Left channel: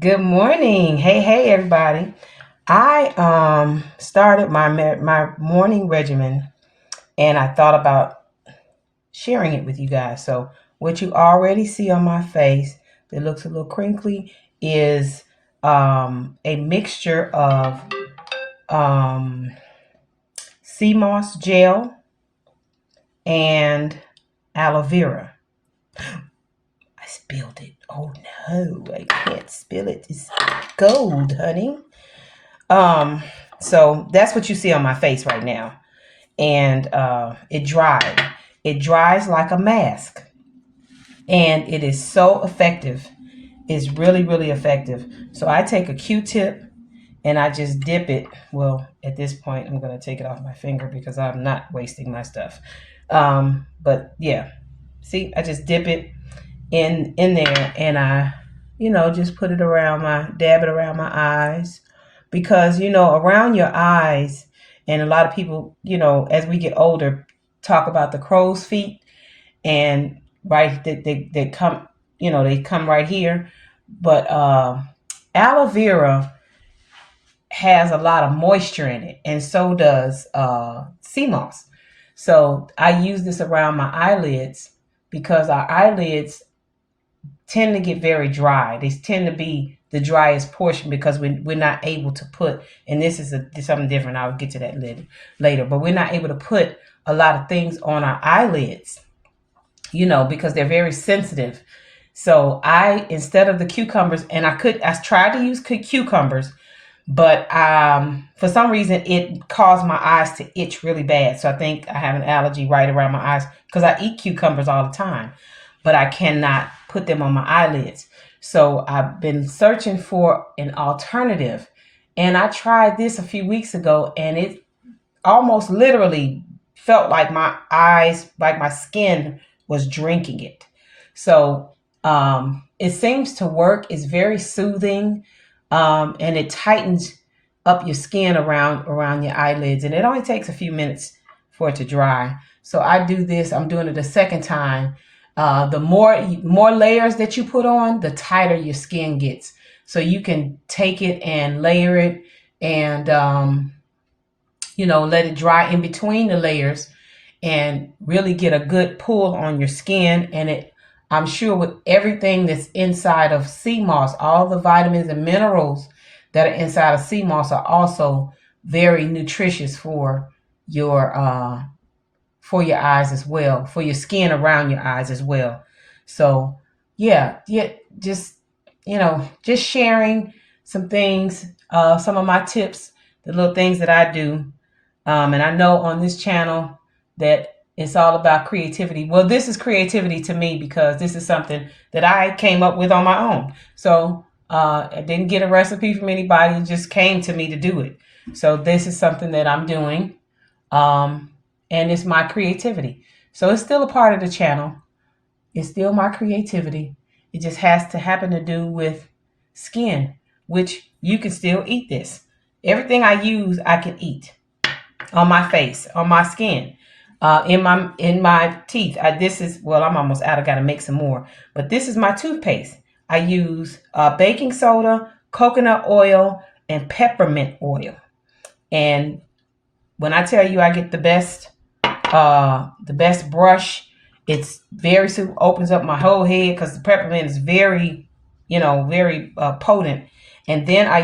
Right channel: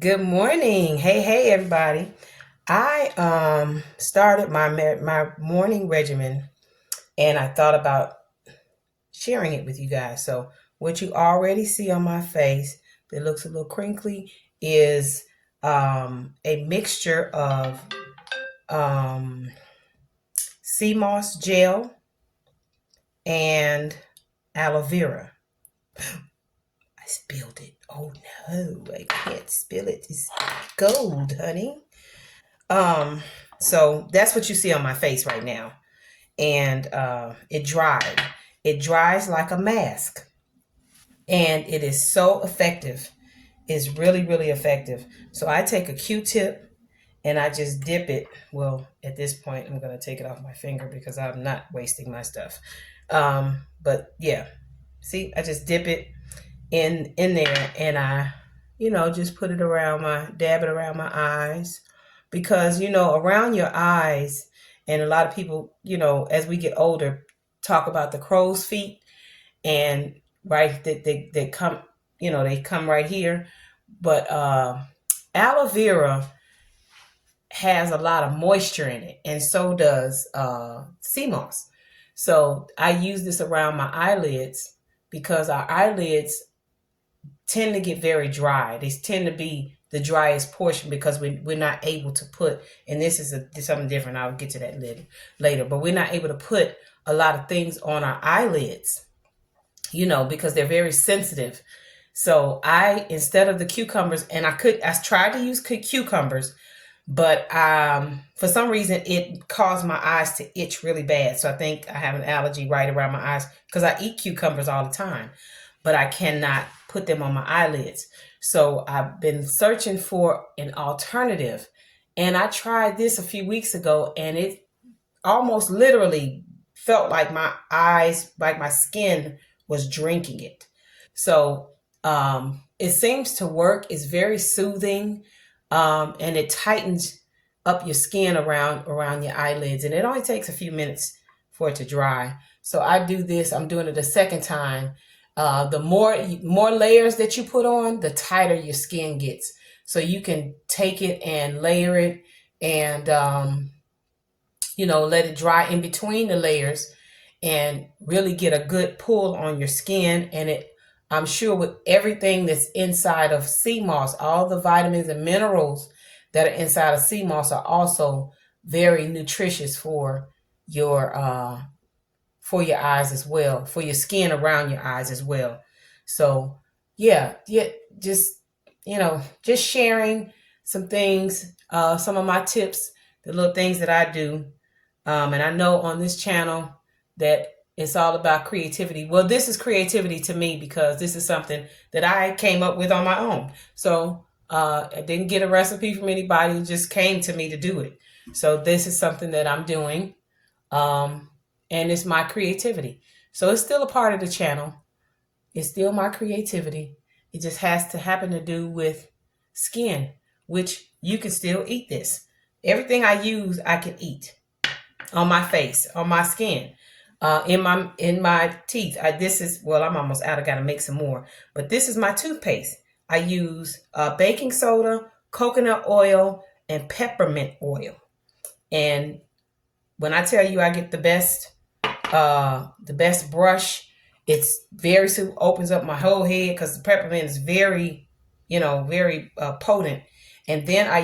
Good morning. Hey everybody. I started my morning regimen and I thought about sharing it with you guys. So what you already see on my face that looks a little crinkly is a mixture of um sea moss gel and aloe vera. I spilled it. Oh no, I can't spill it. It's gold, honey. Um, so that's what you see on my face right now. And it dried. It dries like a mask. And it is so effective. It's really, really effective. So I take a Q-tip and I just dip it. Well, at this point, I'm going to take it off my finger because I'm not wasting my stuff. But yeah, see, I just dip it in there and I, just put it around dab it around my eyes because, around your eyes, and a lot of people, as we get older, talk about the crow's feet and right, they come, they come right here. But aloe vera has a lot of moisture in it, and so does sea moss. So I use this around my eyelids because our eyelids tend to get very dry. They tend to be the driest portion because we're not able to put, and this is something different. I'll get to that later, but we're not able to put a lot of things on our eyelids, because they're very sensitive. So instead of the cucumbers, and I tried to use cucumbers, but for some reason it caused my eyes to itch really bad. So I think I have an allergy right around my eyes because I eat cucumbers all the time, but I cannot put them on my eyelids. So I've been searching for an alternative, and I tried this a few weeks ago, and it almost literally felt like my eyes, like my skin was drinking it. So it seems to work. It's very soothing, and it tightens up your skin around your eyelids, and it only takes a few minutes for it to dry. So I do this. I'm doing it a second time. The more layers that you put on, the tighter your skin gets. So you can take it and layer it, and let it dry in between the layers, and really get a good pull on your skin. And I'm sure with everything that's inside of sea moss, all the vitamins and minerals that are inside of sea moss are also very nutritious for your eyes as well, for your skin around your eyes as well. So yeah, just just sharing some things, some of my tips, the little things that I do. And I know on this channel that it's all about creativity. Well, this is creativity to me because this is something that I came up with on my own. So I didn't get a recipe from anybody. It just came to me to do it. So this is something that I'm doing. And it's my creativity. So it's still a part of the channel. It's still my creativity. It just has to happen to do with skin, which you can still eat this. Everything I use, I can eat on my face, on my skin, in my teeth. I'm almost out. I got to make some more. But this is my toothpaste. I use baking soda, coconut oil, and peppermint oil. And when I tell you I get the best brush, it's very simple. Opens up my whole head because the peppermint is very, very potent. And then I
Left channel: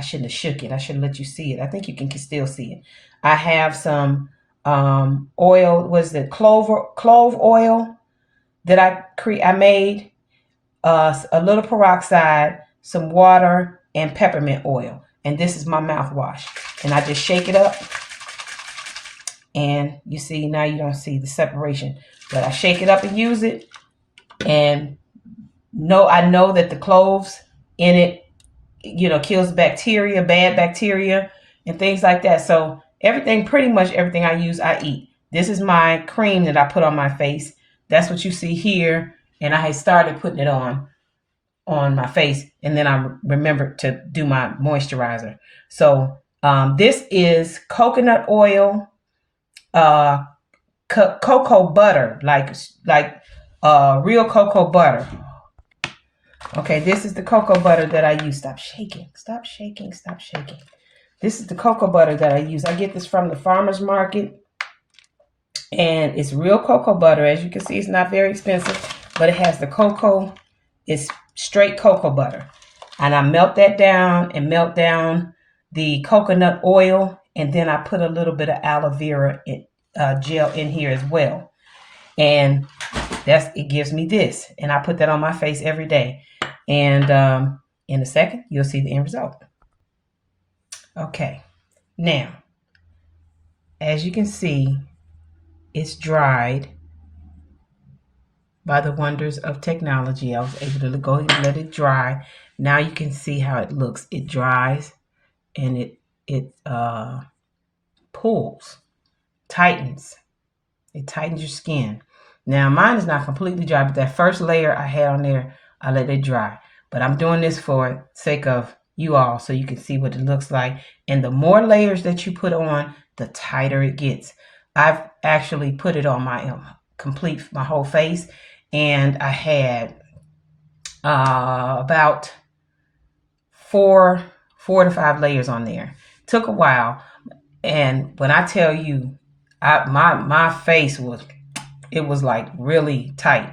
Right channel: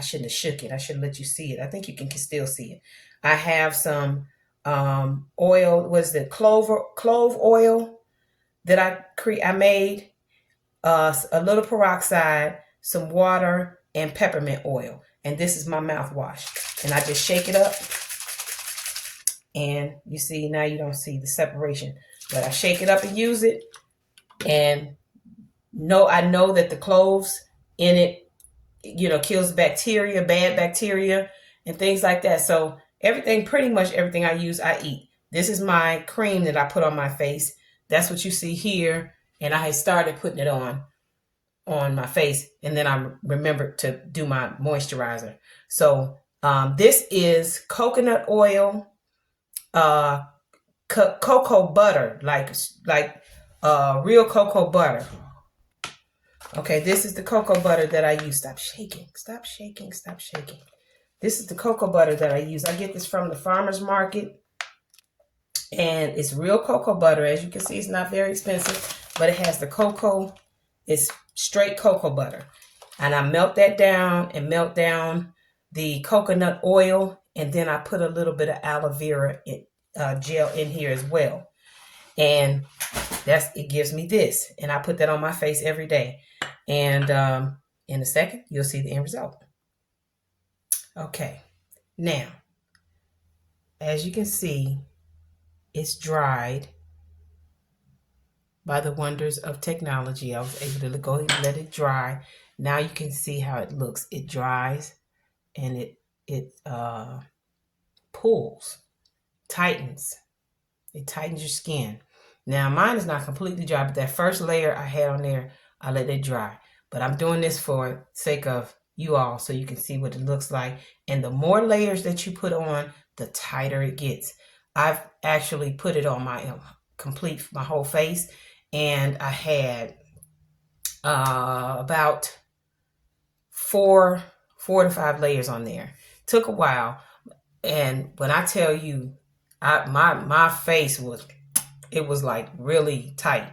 shouldn't have shook it. I should have let you see it. I think you can still see it. I have some oil. Was the clove oil that I made? A little peroxide, some water, and peppermint oil. And this is my mouthwash. And I just shake it up. And you see, now you don't see the separation. But I shake it up and use it. And I know that the cloves in it, kills bacteria, bad bacteria, and things like that. So pretty much everything I use, I eat. This is my cream that I put on my face. That's what you see here. And I had started putting it on my face. And then I remembered to do my moisturizer. So this is coconut oil, cocoa butter, like real cocoa butter. Okay, this is the cocoa butter that I use. Stop shaking. Stop shaking. Stop shaking. This is the cocoa butter that I use. I get this from the farmer's market. And it's real cocoa butter. As you can see, it's not very expensive. But it has the cocoa. It's straight cocoa butter. And I melt that down and melt down the coconut oil. And then I put a little bit of aloe vera gel in here as well. And it gives me this. And I put that on my face every day. And in a second, you'll see the end result. Okay. Now, as you can see, it's dried by the wonders of technology. I was able to go ahead and let it dry. Now you can see how it looks. It dries and it pulls, tightens. It tightens your skin. Now mine is not completely dry, but that first layer I had on there, I let it dry. But I'm doing this for sake of you all so you can see what it looks like. And the more layers that you put on, the tighter it gets. I've actually put it on my my whole face, and I had about four to five layers on there. Took a while, and when I tell you, my face was like really tight,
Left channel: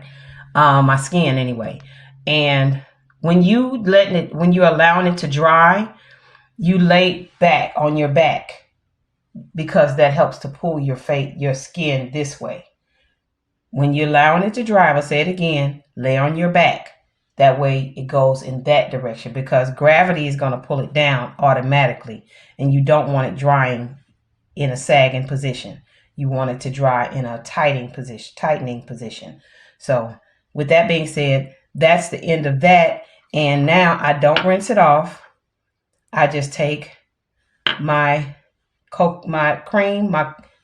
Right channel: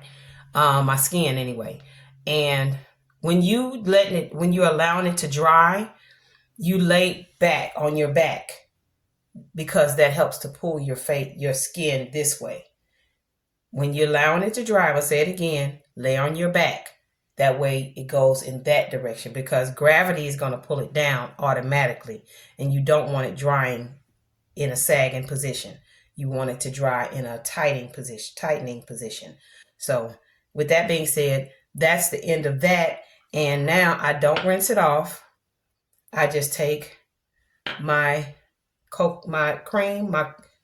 my skin anyway. And when you're allowing it to dry, you lay back on your back because that helps to pull your skin this way. When you're allowing it to dry, I'll say it again, lay on your back. That way it goes in that direction because gravity is going to pull it down automatically, and you don't want it drying in a sagging position. You want it to dry in a tightening position. So with that being said, that's the end of that. And now I don't rinse it off. I just take my cream,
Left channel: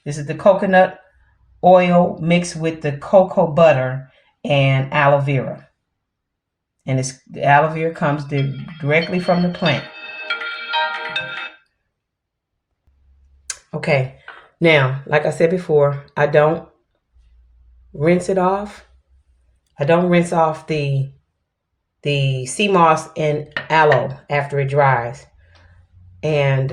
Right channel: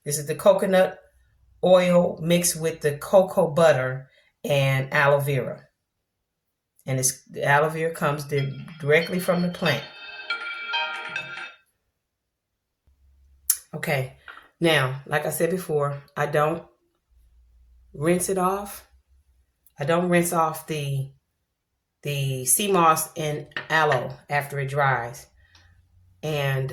this is the coconut oil mixed with the cocoa butter and aloe vera. And the aloe vera comes directly from the plant. Okay, now, like I said before, I don't rinse it off. I don't rinse off the sea moss and aloe after it dries. And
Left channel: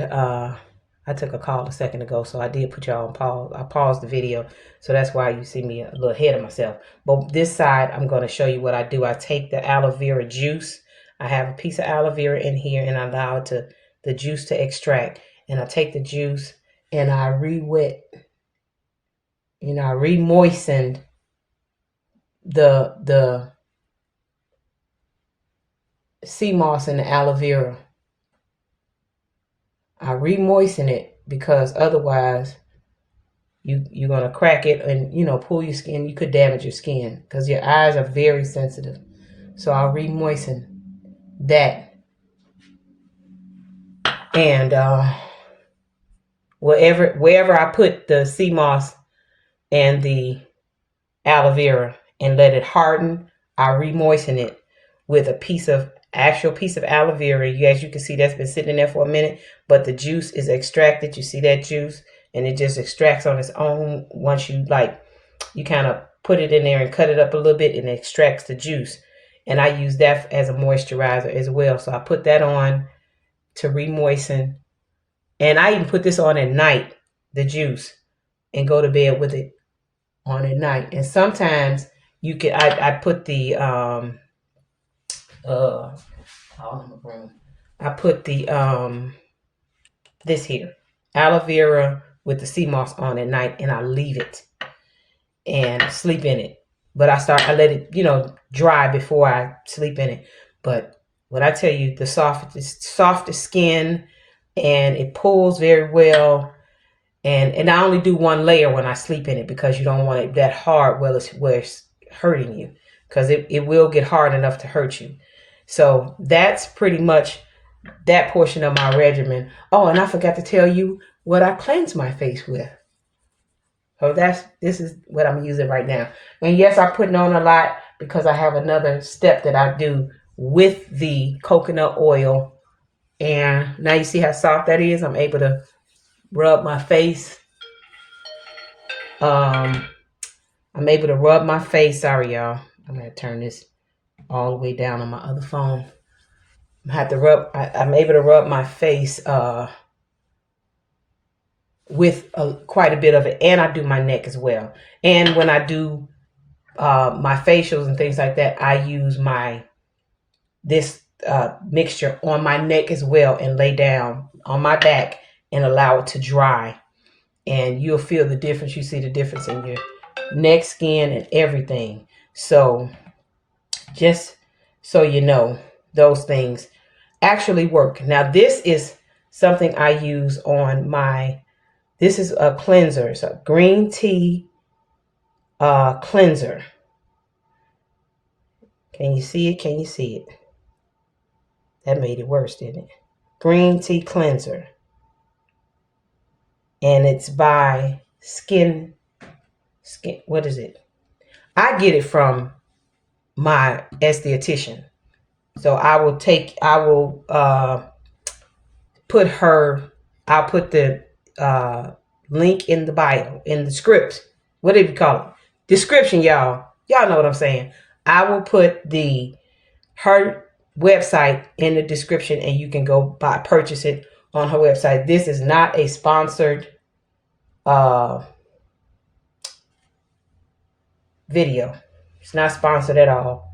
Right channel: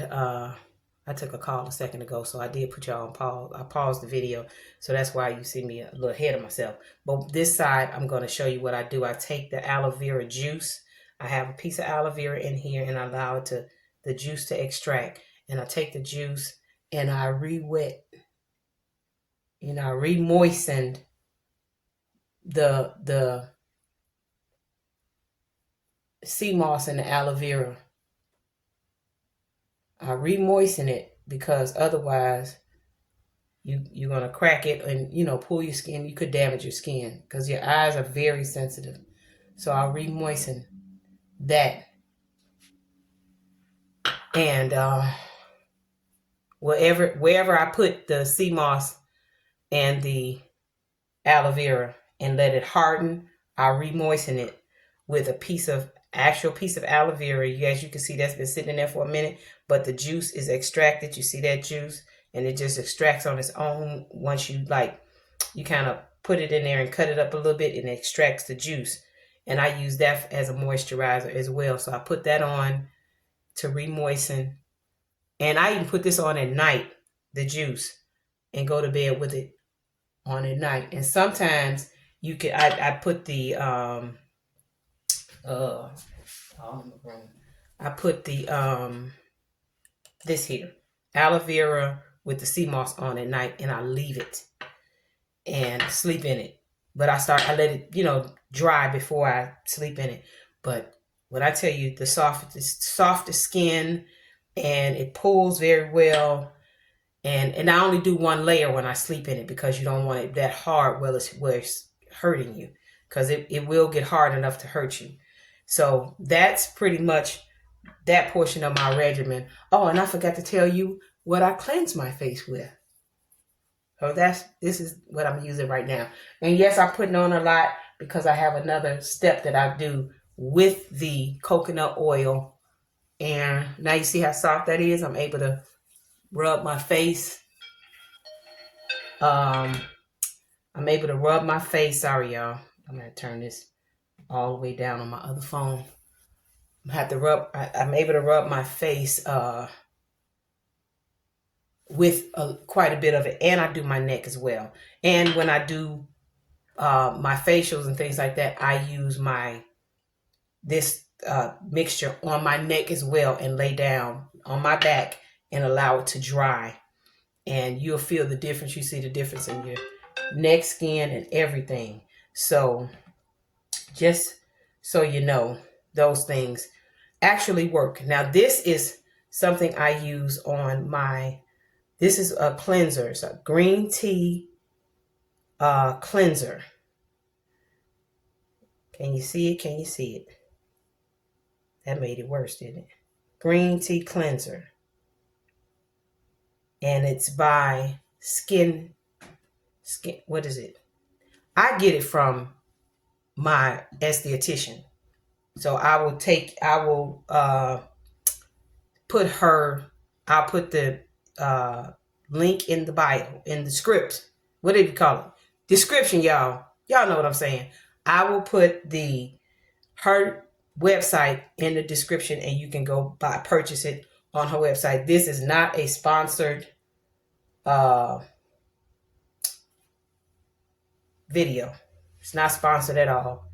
I took a call a second ago, so I did put y'all on pause. I paused the video, so that's why you see me a little ahead of myself. But this side, I'm going to show you what I do. I take the aloe vera juice. I have a piece of aloe vera in here, and I allow the juice to extract. And I take the juice, and I re-wet. I re-moistened the sea moss and the aloe vera. I re-moisten it because otherwise you're going to crack it and, pull your skin. You could damage your skin because your eyes are very sensitive. So I'll re-moisten that. And wherever I put the sea moss and the aloe vera and let it harden, I'll re-moisten it with actual piece of aloe vera. As you can see, that's been sitting in there for a minute, but the juice is extracted. You see that juice, and it just extracts on its own once you kind of put it in there and cut it up a little bit, and it extracts the juice. And I use that as a moisturizer as well. So I put that on to re-moisten, and I even put this on at night, the juice, and go to bed with it on at night. And sometimes I put the this here, aloe vera with the sea moss on at night, and I leave it and sleep in it. But I let it, dry before I sleep in it. But when I tell you, the softest skin, and it pulls very well. And I only do one layer when I sleep in it because you don't want it that hard where it's hurting you, because it will get hard enough to hurt you. So that's pretty much that portion of my regimen. Oh, and I forgot to tell you what I cleanse my face with. So this is what I'm using right now. And yes, I'm putting on a lot because I have another step that I do with the coconut oil. And now you see how soft that is. I'm able to rub my face. I'm able to rub my face. Sorry, y'all. I'm going to turn this all the way down on my other phone. I have to rub, I'm able to rub my face with quite a bit of it. And I do my neck as well. And when I do my facials and things like that, I use this mixture on my neck as well and lay down on my back and allow it to dry. And you'll feel the difference. You see the difference in your neck, skin, and everything. So just so you know, those things actually work. Now, this is something I use on this is a cleanser. It's a green tea cleanser. Can you see it? Can you see it? That made it worse, didn't it? Green tea cleanser. And it's by Skin, what is it? I get it from my esthetician. So I'll put the link in the bio, in the script. What do you call it? Description, y'all. Y'all know what I'm saying. I will put her website in the description, and you can go purchase it on her website. This is not a sponsored video. It's not sponsored at all.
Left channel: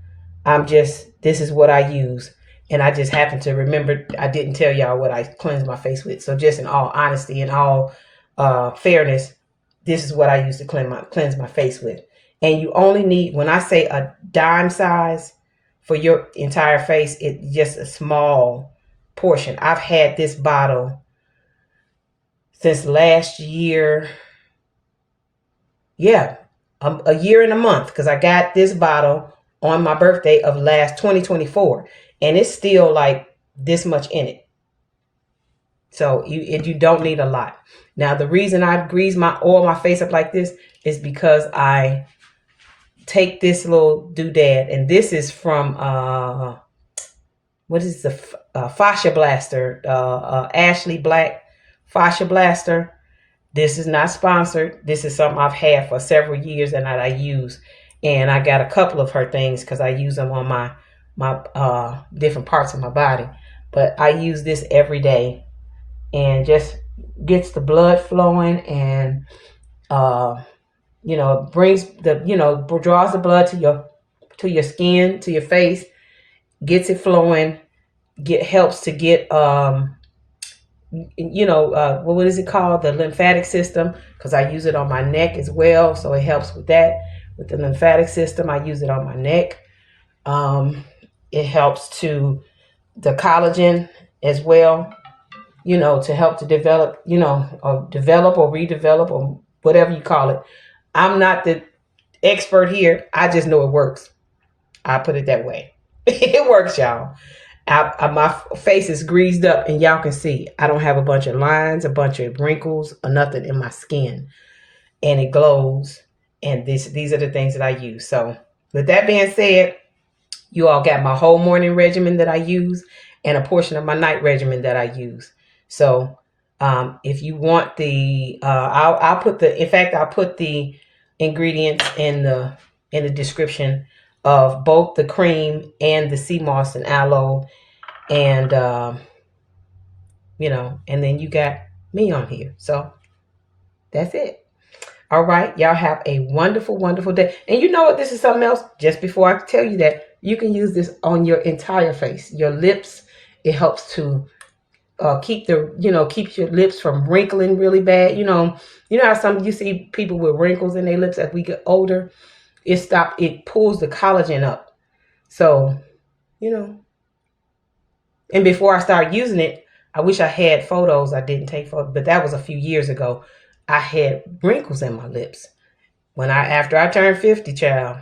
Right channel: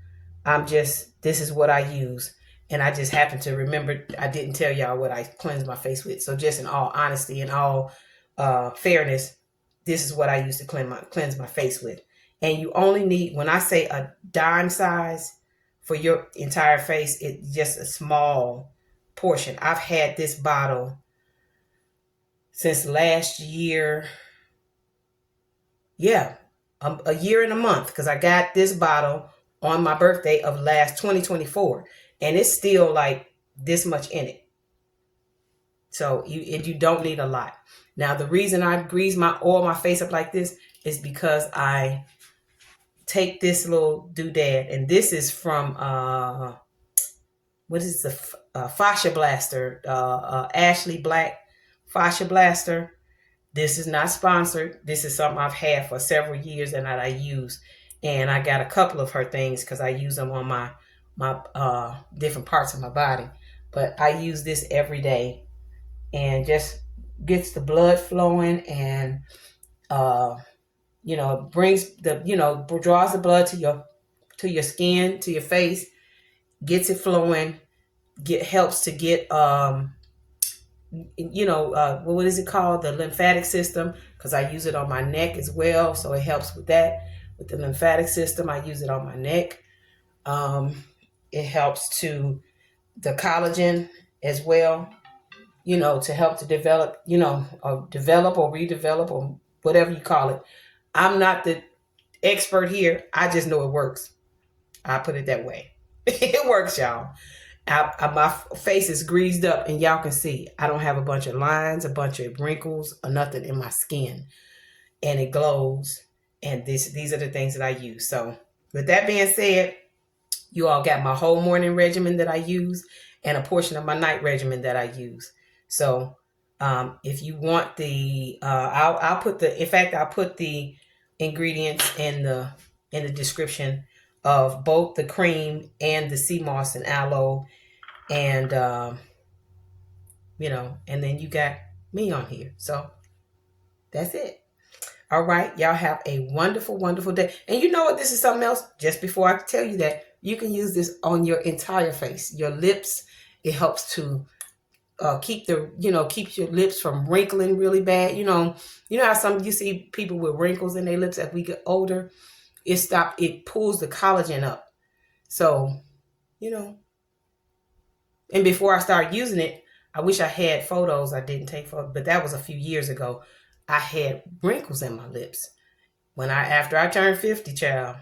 This is what I use. And I just happen to remember, I didn't tell y'all what I cleanse my face with. So just in all honesty and all fairness, this is what I use to cleanse my face with. And you only need, when I say a dime size for your entire face, it's just a small portion. I've had this bottle since last year. Yeah, a year and a month, because I got this bottle on my birthday of last 2024, and it's still like this much in it. So you don't need a lot. Now, the reason I oil my face up like this is because I take this little doodad, and this is from what is the Fascia Blaster, Ashley Black Fascia Blaster. This is not sponsored. This is something I've had for several years and that I use. And I got a couple of her things because I use them on my different parts of my body. But I use this every day, and just gets the blood flowing, and brings draws the blood to your skin, to your face, gets it flowing, helps to get what is it called? The lymphatic system, because I use it on my neck as well. So it helps with that, with the lymphatic system. I use it on my neck. It helps to the collagen as well, to help to develop, or develop or redevelop or whatever you call it. I'm not the expert here. I just know it works. I put it that way. It works, y'all. My face is greased up, and y'all can see I don't have a bunch of lines, a bunch of wrinkles, or nothing in my skin, and it glows. And these are the things that I use. So with that being said, you all got my whole morning regimen that I use and a portion of my night regimen that I use. So if you want I'll put the ingredients in the description of both the cream and the sea moss and aloe, and and then you got me on here. So that's it. All right, y'all have a wonderful, wonderful day. And you know what? This is something else. Just before I tell you that, you can use this on your entire face, your lips. It helps to keeps your lips from wrinkling really bad. You know how you see people with wrinkles in their lips as we get older. It pulls the collagen up. So, and before I started using it, I wish I had photos. I didn't take photos, but that was a few years ago. I had wrinkles in my lips after I turned 50, child.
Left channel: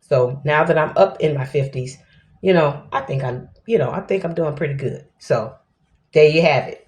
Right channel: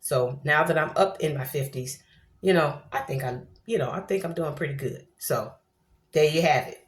So now that I'm up in my 50s, I think I'm doing pretty good. So there you have it.